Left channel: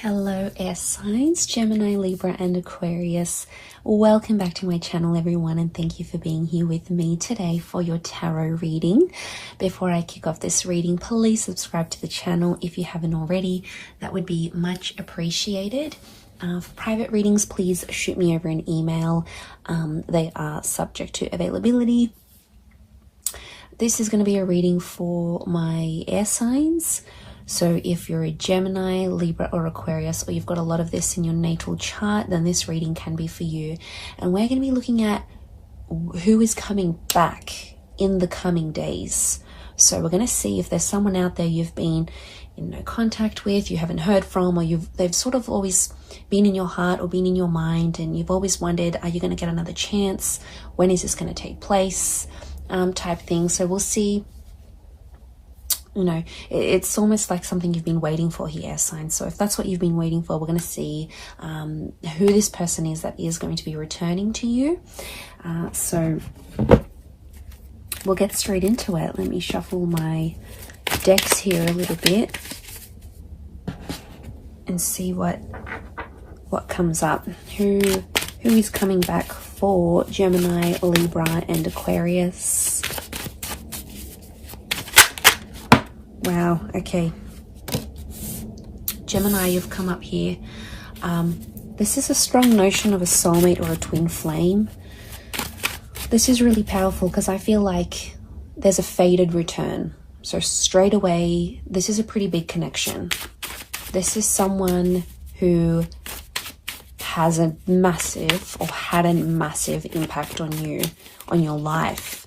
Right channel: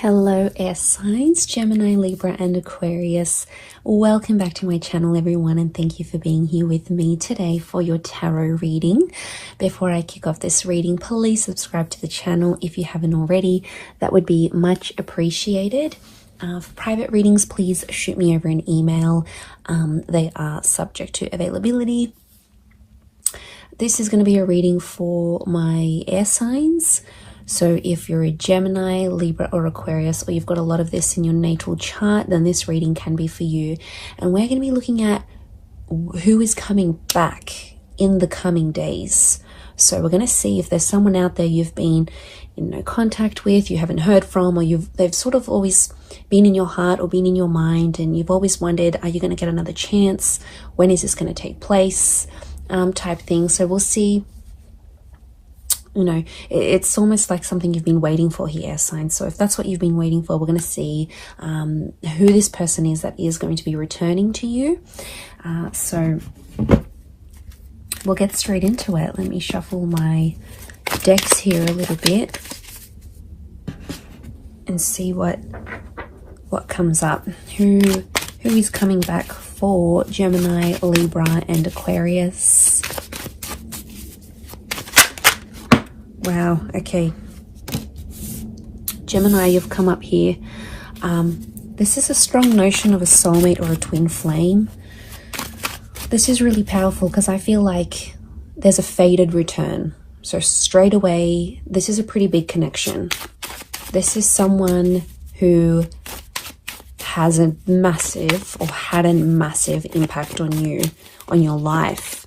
Hello air signs, Gemini, Libra and Aquarius. Welcome back to my channel everyone, and thank you for being here with me today for your tarot reading. Before I kick off this reading, please subscribe to the channel if you haven't already. That would be much appreciated. For private readings, please shoot me over an email. They are subject to availability. This is going to be a reading for my air signs. So if you're a Gemini, Libra or Aquarius, or you've got a lot of this in your natal chart, then this reading can be for you. And we're going to be looking at who is coming back in the coming days. So we're going to see if there's someone out there you've been in no contact with, you haven't heard from, or they've sort of always been in your heart or been in your mind, and you've always wondered, are you going to get another chance? When is this going to take place? Type thing. So we'll see. You know, it's almost like something you've been waiting for here, air signs. So if that's what you've been waiting for, we're going to see who this person is that is going to be returning to you. So we'll get straight into it. Let me shuffle my decks here a little bit and see what comes up. Who is coming back for Gemini, Libra and Aquarius? Wow, okay. Gemini, you've come up here. This is a strong notion of a soulmate or a twin flame. This is really powerful because I feel like there's a fated return. So straight away, this is a pretty big connection. This is someone who has a massive or had a massive impact on you, on your life.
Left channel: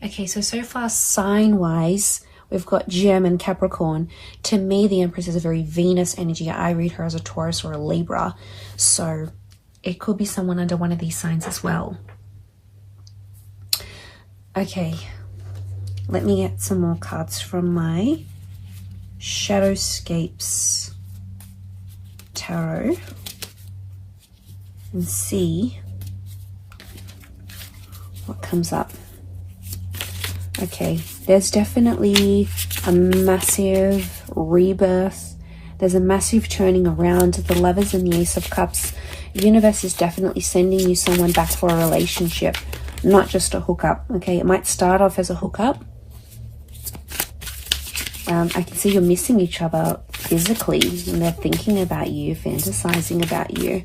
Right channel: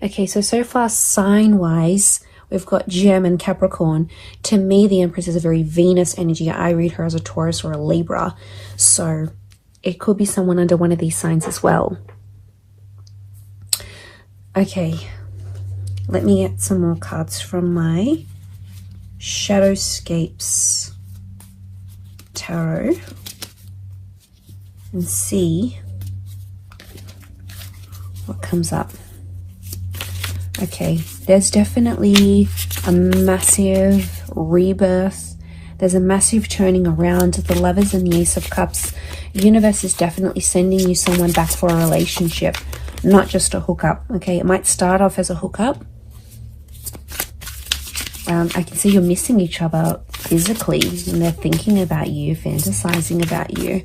Okay, so far sign-wise, we've got Gem and Capricorn. To me, the Empress is a very Venus energy. I read her as a Taurus or a Libra. So it could be someone under one of these signs as well. Okay, let me get some more cards from my Shadowscapes Tarot and see what comes up. Okay, there's definitely a massive rebirth. There's a massive turning around. The Lovers and the Ace of Cups. The universe is definitely sending you someone back for a relationship, not just a hookup. Okay, it might start off as a hookup. I can see you're missing each other physically, and they're thinking about you, fantasizing about you.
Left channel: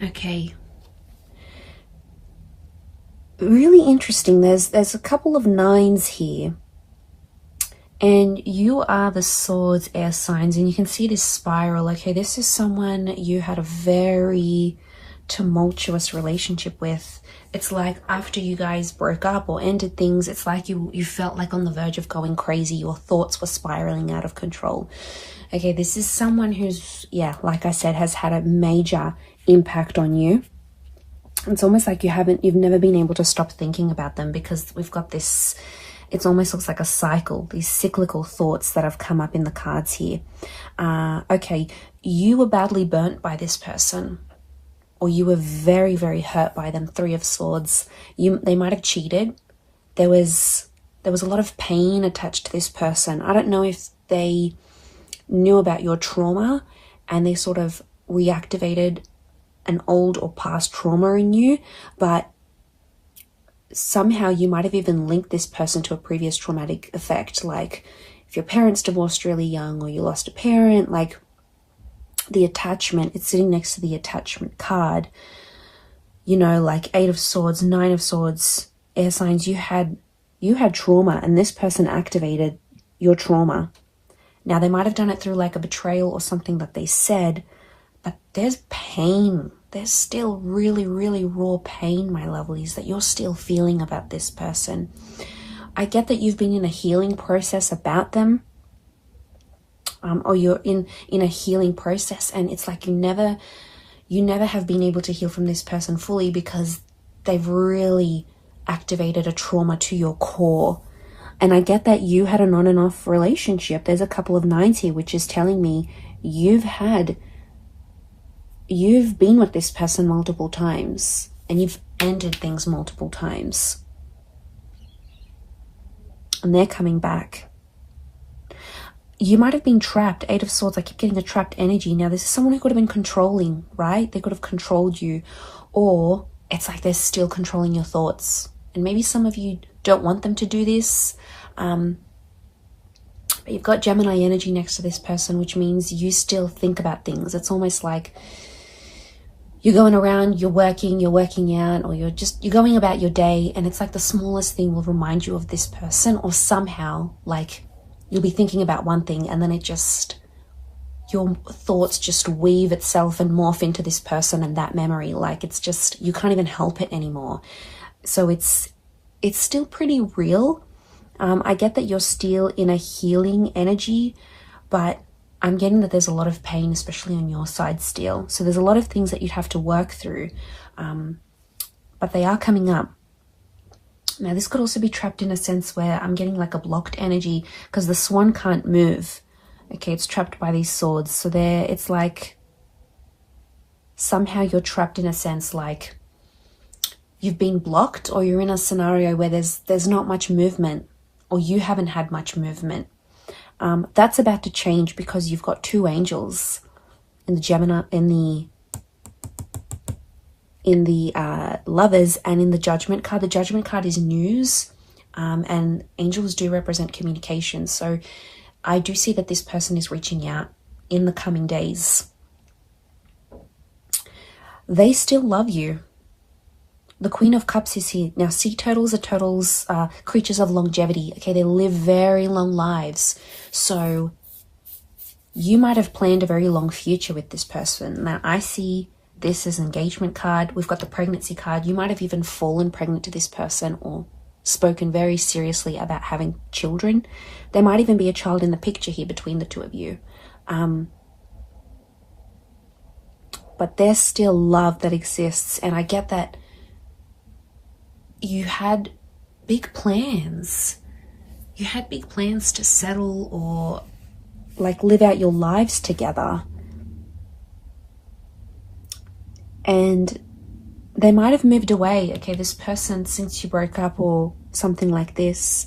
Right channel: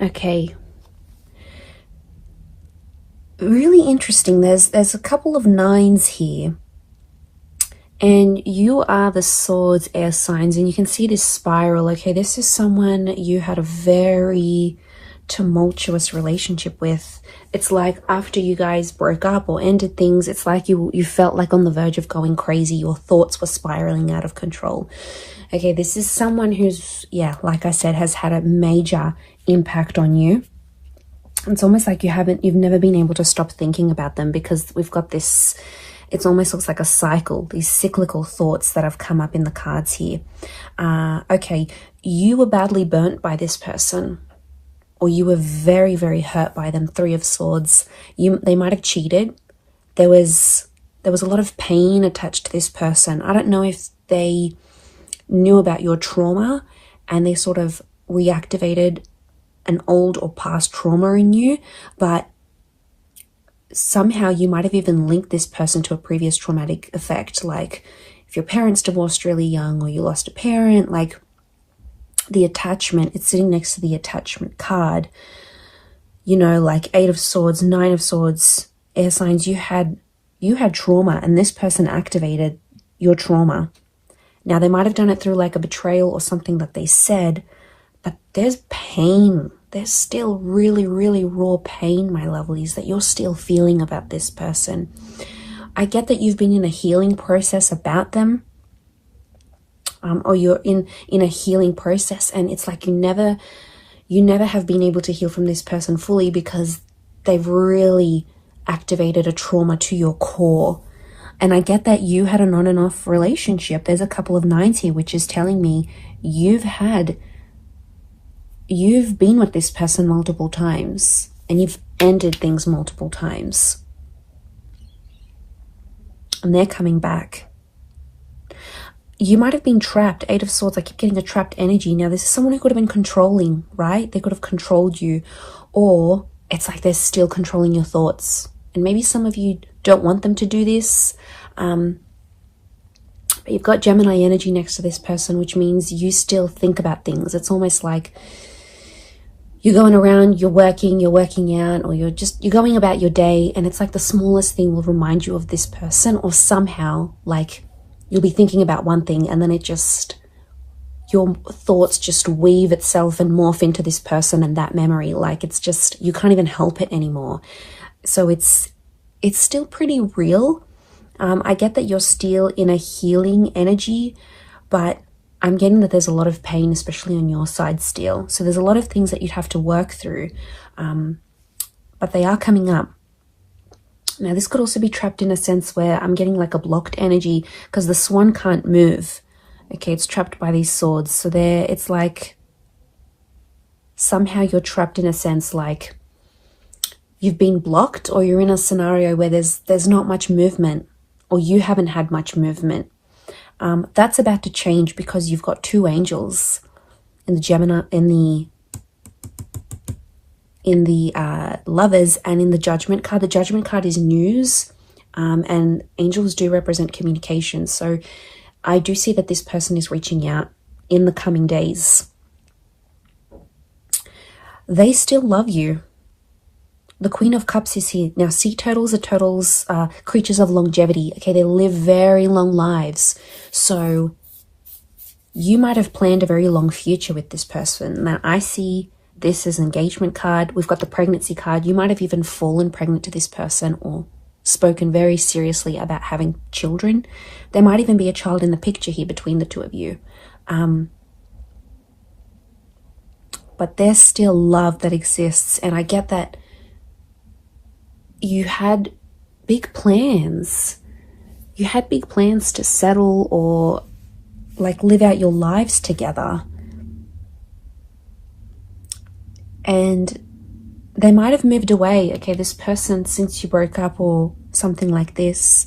Okay, really interesting. There's a couple of nines here, and you are the Swords air signs, and you can see this spiral. Okay, this is someone you had a very tumultuous relationship with. It's like after you guys broke up or ended things, it's like you felt like on the verge of going crazy. Your thoughts were spiraling out of control. Okay, this is someone who's, yeah, like I said, has had a major impact on you. It's almost like you've never been able to stop thinking about them, because we've got this, it almost looks like a cycle, these cyclical thoughts that have come up in the cards here. Okay, you were badly burnt by this person, or you were very, very hurt by them. Three of Swords. They might have cheated. There was a lot of pain attached to this person. I don't know if they knew about your trauma and they sort of reactivated an old or past trauma in you, but somehow you might have even linked this person to a previous traumatic effect, like if your parents divorced really young, or you lost a parent. Like the attachment, it's sitting next to the attachment card, you know, like Eight of Swords, Nine of Swords, air signs. You had trauma, and this person activated your trauma. Now they might have done it through like a betrayal or something that they said, but there's pain. There's still really, really raw pain, my lovelies, that you're still feeling about this person. I get that you've been in a healing process about them, or you're in a healing process, and it's like you never have been able to heal from this person fully because they've really activated a trauma to your core. And I get that you had an on and off relationship. There's a couple of nines here, which is telling me you've been with this person multiple times, and you've ended things multiple times. And they're coming back. You might have been trapped. Eight of Swords, I keep getting a trapped energy. Now, this is someone who could have been controlling, right? They could have controlled you. Or it's like they're still controlling your thoughts. And maybe some of you don't want them to do this. But you've got Gemini energy next to this person, which means you still think about things. It's almost like you're going around, you're working out, or you're going about your day, and it's like the smallest thing will remind you of this person, or somehow like you'll be thinking about one thing and then your thoughts just weave itself and morph into this person and that memory. Like it's just, you can't even help it anymore. So it's still pretty real. I get that you're still in a healing energy, but I'm getting that there's a lot of pain, especially on your side still. So there's a lot of things that you'd have to work through, but they are coming up. Now, this could also be trapped in a sense where I'm getting like a blocked energy because the swan can't move. Okay, it's trapped by these swords. So it's like somehow you're trapped in a sense like you've been blocked, or you're in a scenario where there's not much movement, or you haven't had much movement. That's about to change because you've got two angels in the Gemini, in the Lovers, and in the Judgment card. The Judgment card is news, and angels do represent communication. So I do see that this person is reaching out in the coming days. They still love you. The Queen of Cups is here. Now, sea turtles are creatures of longevity. Okay, they live very long lives. So you might have planned a very long future with this person. Now, I see this as an engagement card. We've got the pregnancy card. You might have even fallen pregnant to this person or spoken very seriously about having children. There might even be a child in the picture here between the two of you. But there's still love that exists. And I get that you had big plans. You had big plans to settle or like live out your lives together. And they might have moved away. Okay, this person, since you broke up or something like this,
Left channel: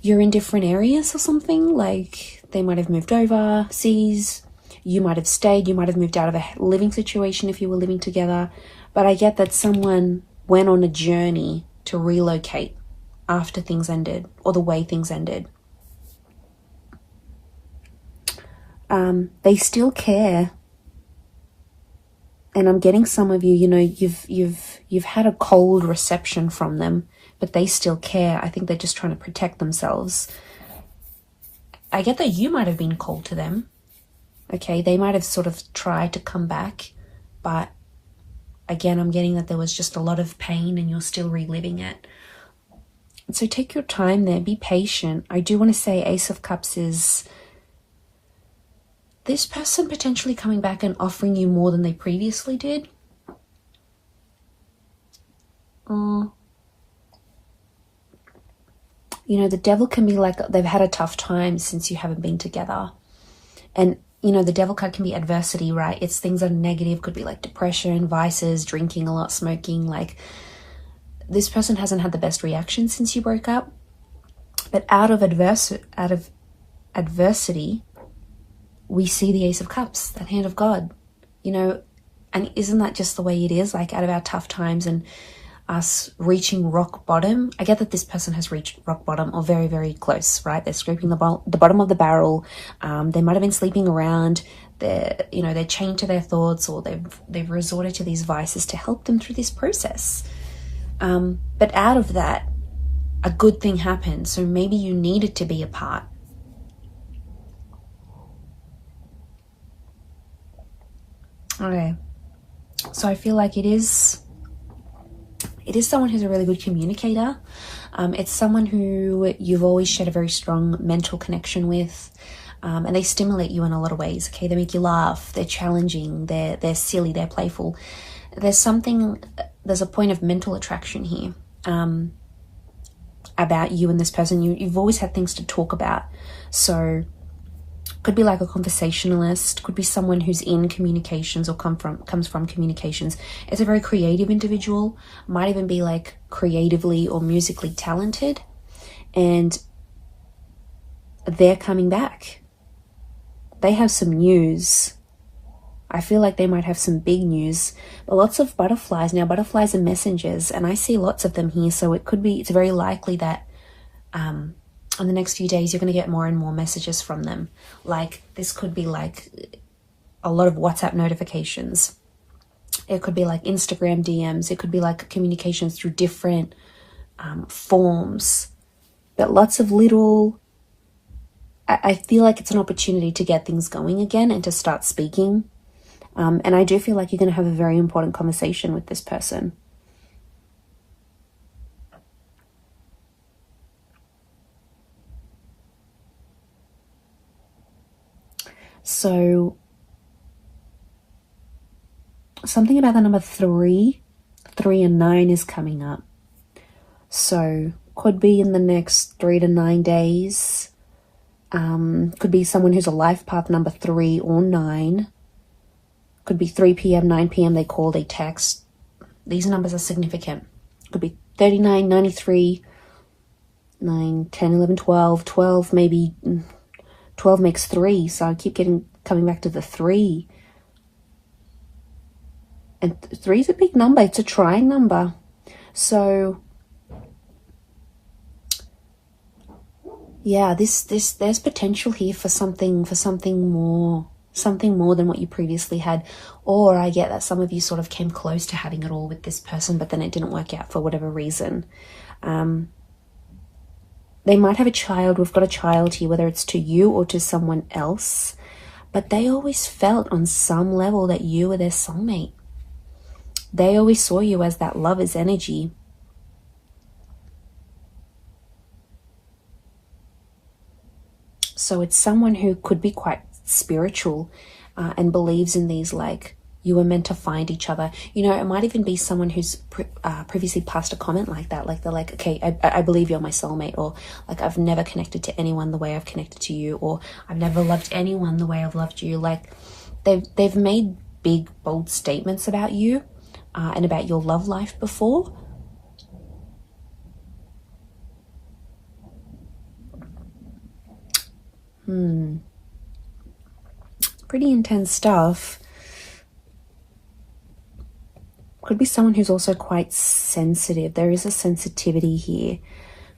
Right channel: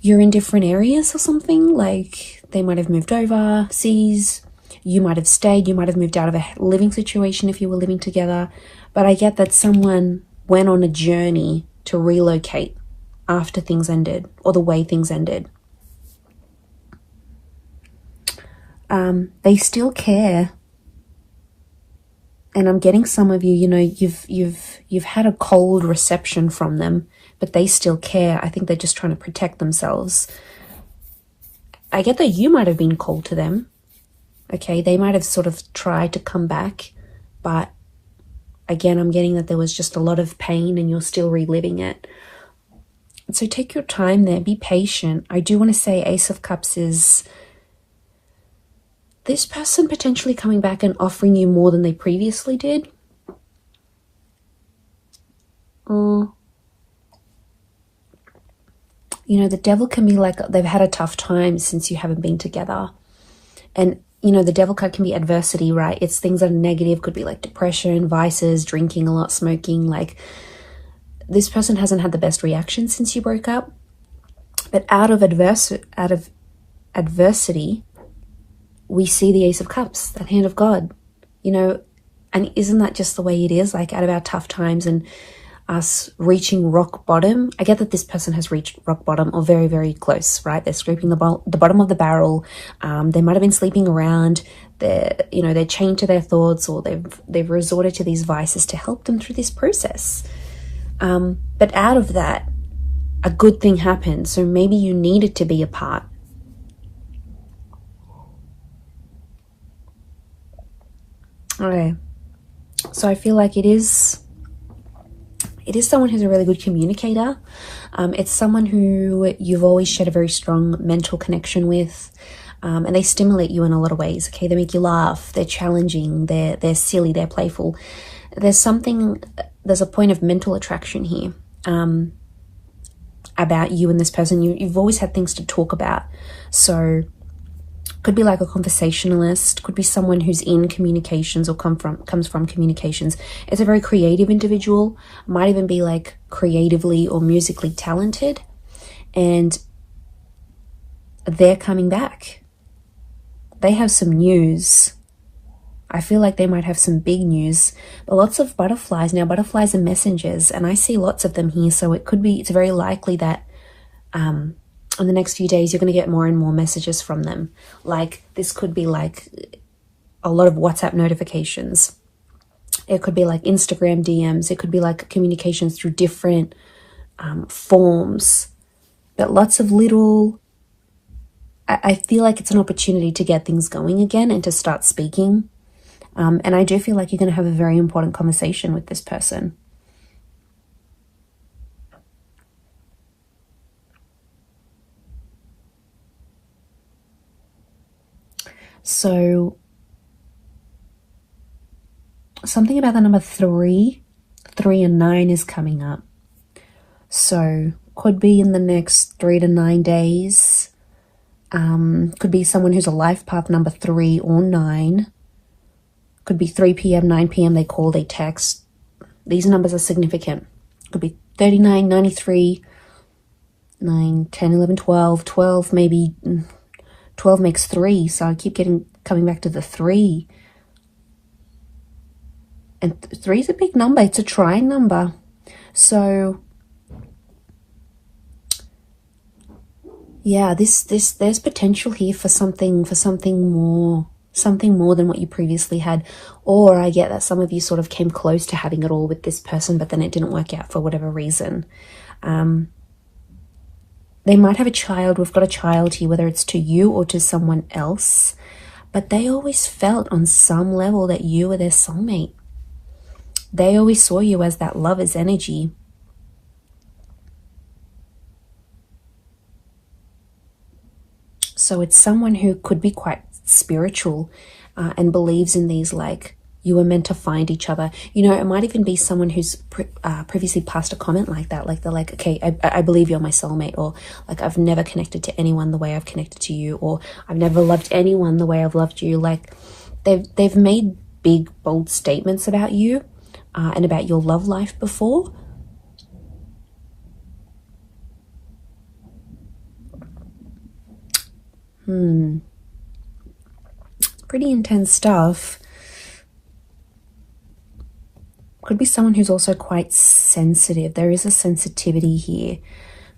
you're in different areas or something. Like they might have moved overseas. You might have stayed. You might have moved out of a living situation if you were living together. But I get that someone went on a journey to relocate after things ended, or the way things ended. They still care. And I'm getting some of you, you know, you've had a cold reception from them, but they still care. I think they're just trying to protect themselves. I get that you might have been cold to them. Okay, they might have sort of tried to come back, but again, I'm getting that there was just a lot of pain and you're still reliving it. So take your time there, be patient. I do want to say Ace of Cups is this person potentially coming back and offering you more than they previously did. You know, the Devil can be like they've had a tough time since you haven't been together. And, you know, the Devil card can be adversity, right? It's things that are negative, could be like depression, vices, drinking a lot, smoking. Like this person hasn't had the best reaction since you broke up. But out of adversity, we see the Ace of Cups, that hand of God, you know, and isn't that just the way it is? Like out of our tough times and us reaching rock bottom. I get that this person has reached rock bottom or very, very close, right? They're scraping the bottom of the barrel. They might have been sleeping around. They're chained to their thoughts, or they've resorted to these vices to help them through this process. But out of that, a good thing happened. So maybe you needed to be apart. Okay, so I feel like it is someone who's a really good communicator. It's someone who you've always shared a very strong mental connection with. and they stimulate you in a lot of ways. Okay, they make you laugh, they're challenging, they're silly, they're playful. There's a point of mental attraction here about you and this person. You've always had things to talk about. So could be like a conversationalist, could be someone who's in communications or comes from communications. It's a very creative individual, might even be like creatively or musically talented, and they're coming back. They have some news. I feel like they might have some big news, but lots of butterflies. Now, butterflies are messengers, and I see lots of them here, so it's very likely that in the next few days, you're going to get more and more messages from them. Like, this could be like a lot of WhatsApp notifications. It could be like Instagram DMs. It could be like communications through different forms. But lots of little... I feel like it's an opportunity to get things going again and to start speaking. And I do feel like you're going to have a very important conversation with this person. So something about the number 3 and 9 is coming up. So could be in the next 3 to 9 days. Could be someone who's a life path number 3 or 9. Could be 3 p.m., 9 p.m. They call, they text. These numbers are significant. Could be 39, 93, 9, 10, 11, 12, 12 maybe... 12 makes 3, so I keep coming back to the 3. And 3 is a big number. It's a trying number. So yeah, there's potential here for something more than what you previously had. Or I get that some of you sort of came close to having it all with this person, but then it didn't work out for whatever reason. They might have a child. We've got a child here, whether it's to you or to someone else. But they always felt on some level that you were their soulmate. They always saw you as that lover's energy. So it's someone who could be quite spiritual and believes in these, like, you were meant to find each other. You know, it might even be someone who's previously passed a comment like that. Like, they're like, okay, I believe you're my soulmate. Or like, I've never connected to anyone the way I've connected to you. Or I've never loved anyone the way I've loved you. Like, they've made big, bold statements about you and about your love life before. Pretty intense stuff. Could be someone who's also quite sensitive. There is a sensitivity here.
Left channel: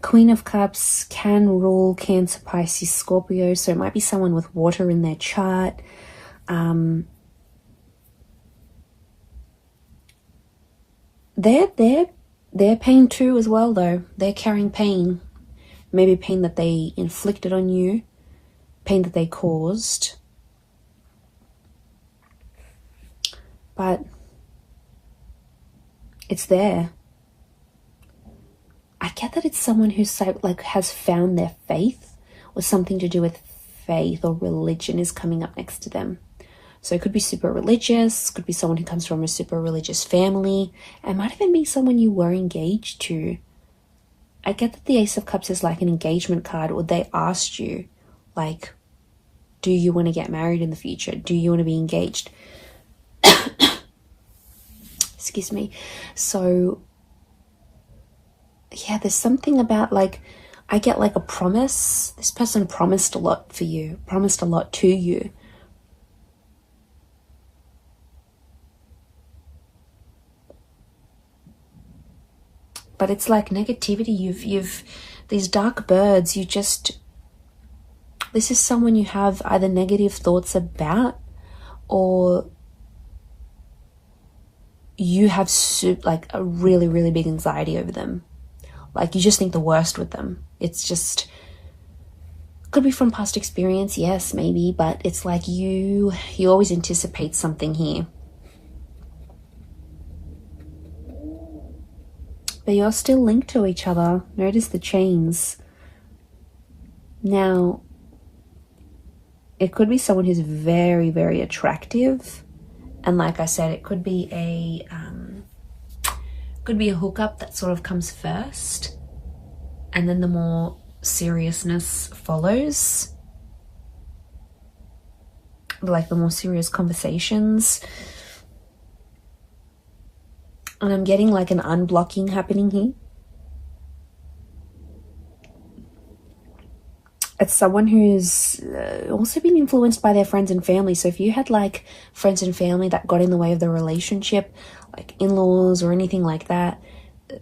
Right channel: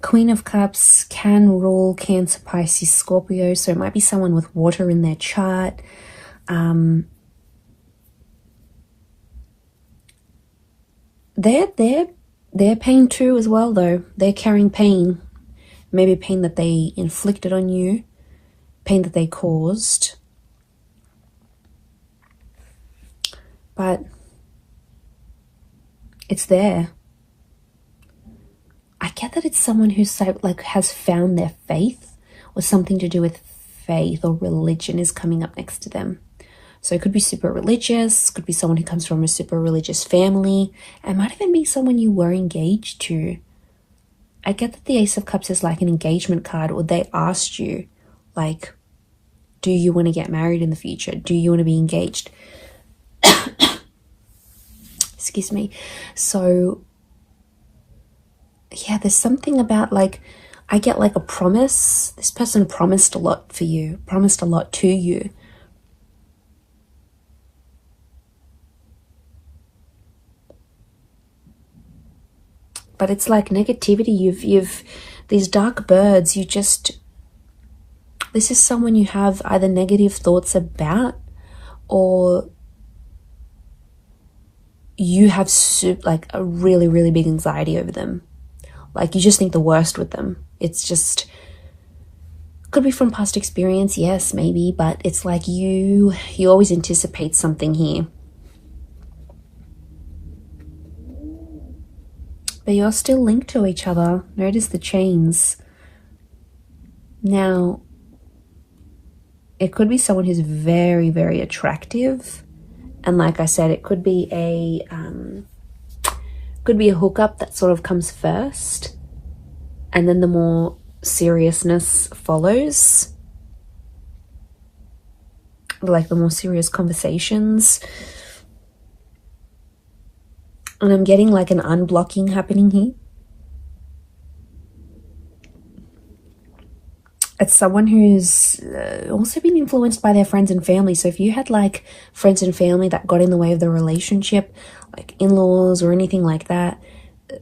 Queen of Cups can rule Cancer, Pisces, Scorpio. So it might be someone with water in their chart. They're pain too as well, though. They're carrying pain. Maybe pain that they inflicted on you. Pain that they caused. But it's there. I get that it's someone who's so, like, has found their faith, or something to do with faith or religion is coming up next to them. So it could be super religious, could be someone who comes from a super religious family. It might even be someone you were engaged to. I get that the Ace of Cups is like an engagement card, or they asked you, like, do you want to get married in the future? Do you want to be engaged? Excuse me. So yeah, there's something about, like, I get like a promise. This person promised a lot for you, promised a lot to you. But it's like negativity. You've these dark birds, this is someone you have either negative thoughts about, or you have like a really, really big anxiety over them. Like, you just think the worst with them. It's just, could be from past experience, yes, maybe, but it's like you always anticipate something here. But you're still linked to each other. Notice the chains. Now, it could be someone who's very, very attractive. And like I said, it could be a hookup that sort of comes first, and then the more seriousness follows, like the more serious conversations. And I'm getting like an unblocking happening here. It's someone who's also been influenced by their friends and family. So if you had like friends and family that got in the way of the relationship, like in-laws or anything like that,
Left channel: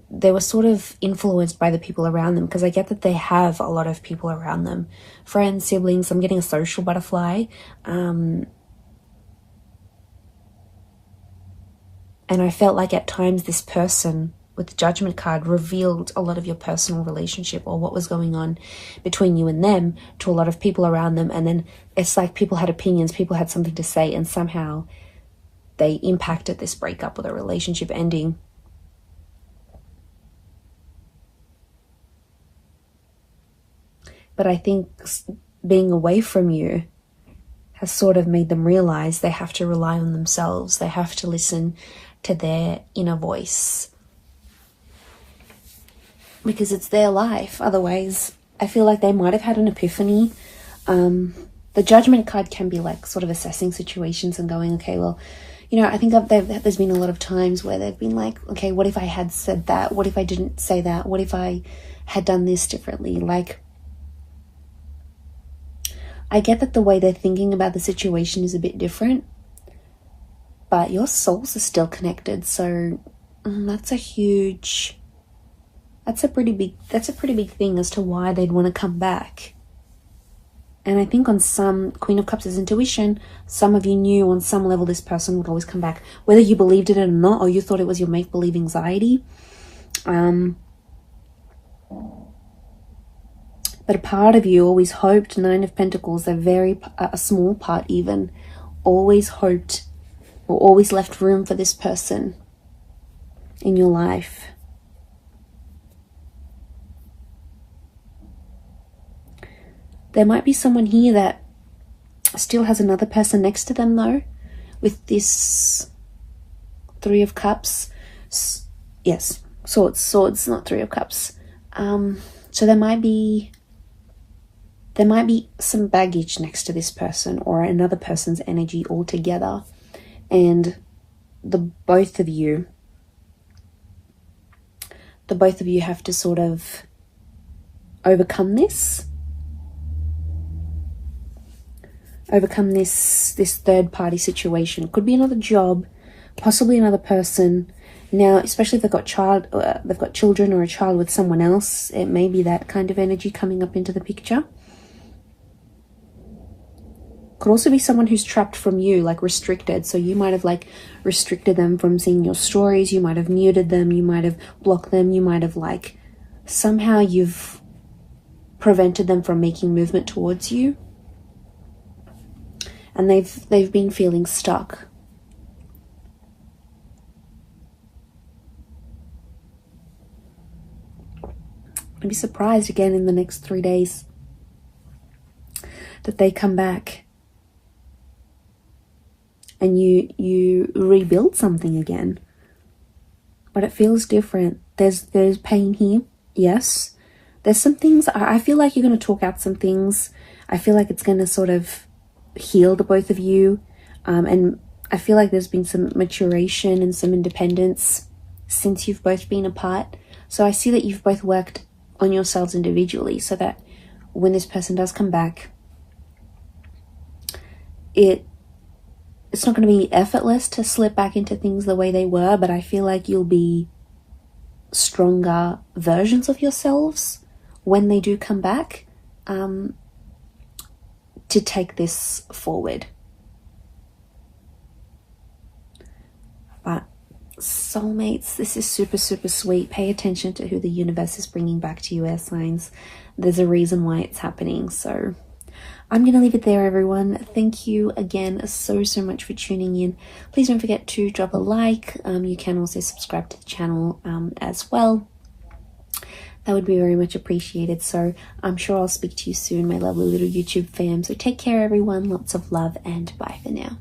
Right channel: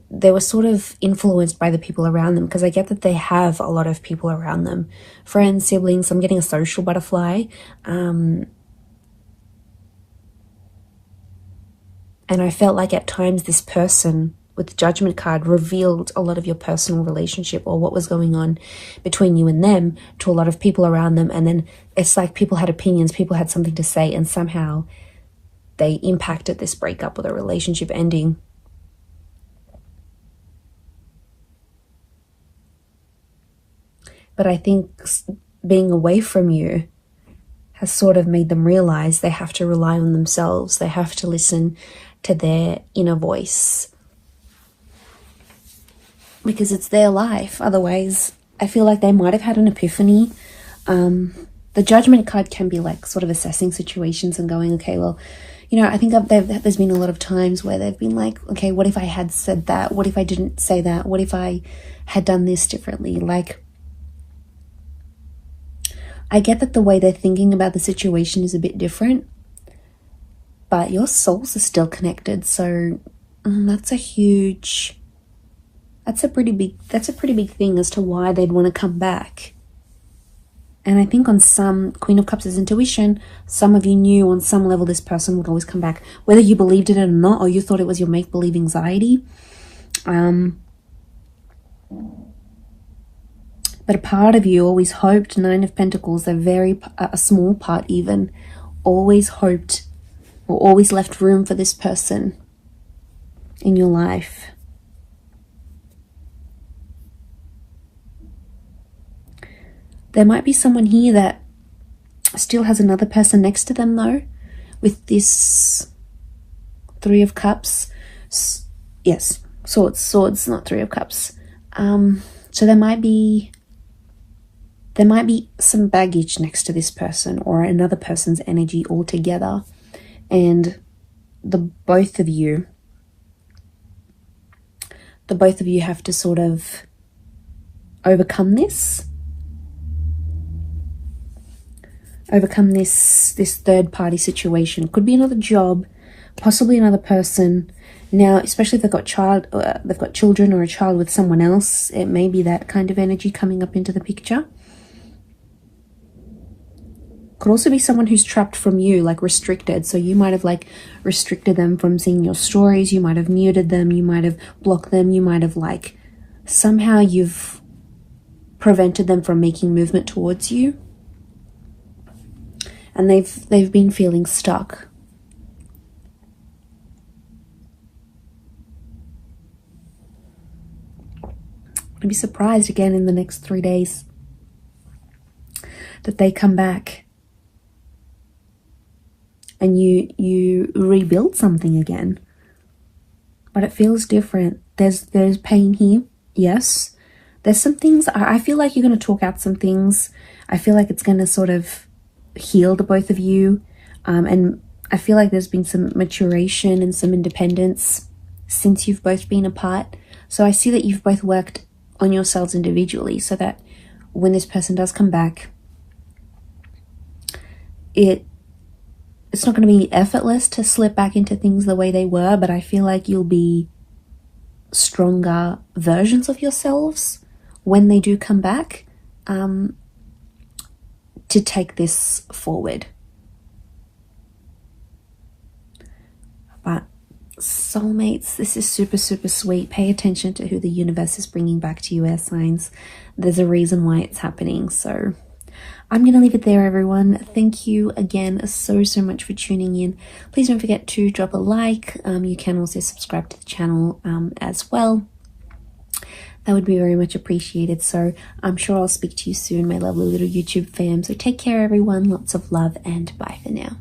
they were sort of influenced by the people around them, because I get that they have a lot of people around them. Friends, siblings, I'm getting a social butterfly. And I felt like at times this person with the Judgment card revealed a lot of your personal relationship or what was going on between you and them to a lot of people around them. And then it's like people had opinions, people had something to say, and somehow they impacted this breakup or the relationship ending. But I think being away from you has sort of made them realize they have to rely on themselves. They have to listen to their inner voice, because it's their life. Otherwise, I feel like they might have had an epiphany. The Judgment card can be like sort of assessing situations and going, okay, well, you know, I think there's been a lot of times where they've been like, okay, what if I had said that? What if I didn't say that? What if I had done this differently? Like, I get that the way they're thinking about the situation is a bit different, but your souls are still connected. So that's a pretty big thing as to why they'd want to come back. And I think on some, Queen of Cups is intuition. Some of you knew on some level this person would always come back, whether you believed it or not, or you thought it was your make-believe anxiety. But a part of you always hoped, Nine of Pentacles, a small part even, always hoped or always left room for this person in your life. There might be someone here that still has another person next to them though, with this Three of Cups. Yes, swords, not Three of Cups. So there might be some baggage next to this person or another person's energy altogether, and the both of you have to sort of overcome this third party situation. It could be another job, possibly another person. Now, especially if they've got children or a child with someone else, it may be that kind of energy coming up into the picture. Could also be someone who's trapped from you, like restricted. So you might have like restricted them from seeing your stories. You might have muted them. You might have blocked them. You might have like somehow you've prevented them from making movement towards you. And they've been feeling stuck. I'd be surprised again in the next 3 days that they come back and you rebuild something again. But it feels different. There's pain here, yes. There's some things, I feel like you're going to talk out some things. I feel like it's going to sort of heal the both of you. And I feel like there's been some maturation and some independence since you've both been apart. So I see that you've both worked on yourselves individually so that when this person does come back, it's not going to be effortless to slip back into things the way they were, but I feel like you'll be stronger versions of yourselves when they do come back, to take this forward. But soulmates, this is super, super sweet. Pay attention to who the universe is bringing back to you, air signs. There's a reason why it's happening. So I'm going to leave it there, everyone. Thank you again so much for tuning in. Please don't forget to drop a like. You can also subscribe to the channel as well. that would be very much appreciated. So I'm sure I'll speak to you soon, my lovely little YouTube fam. So take care, everyone. Lots of love, and bye for now.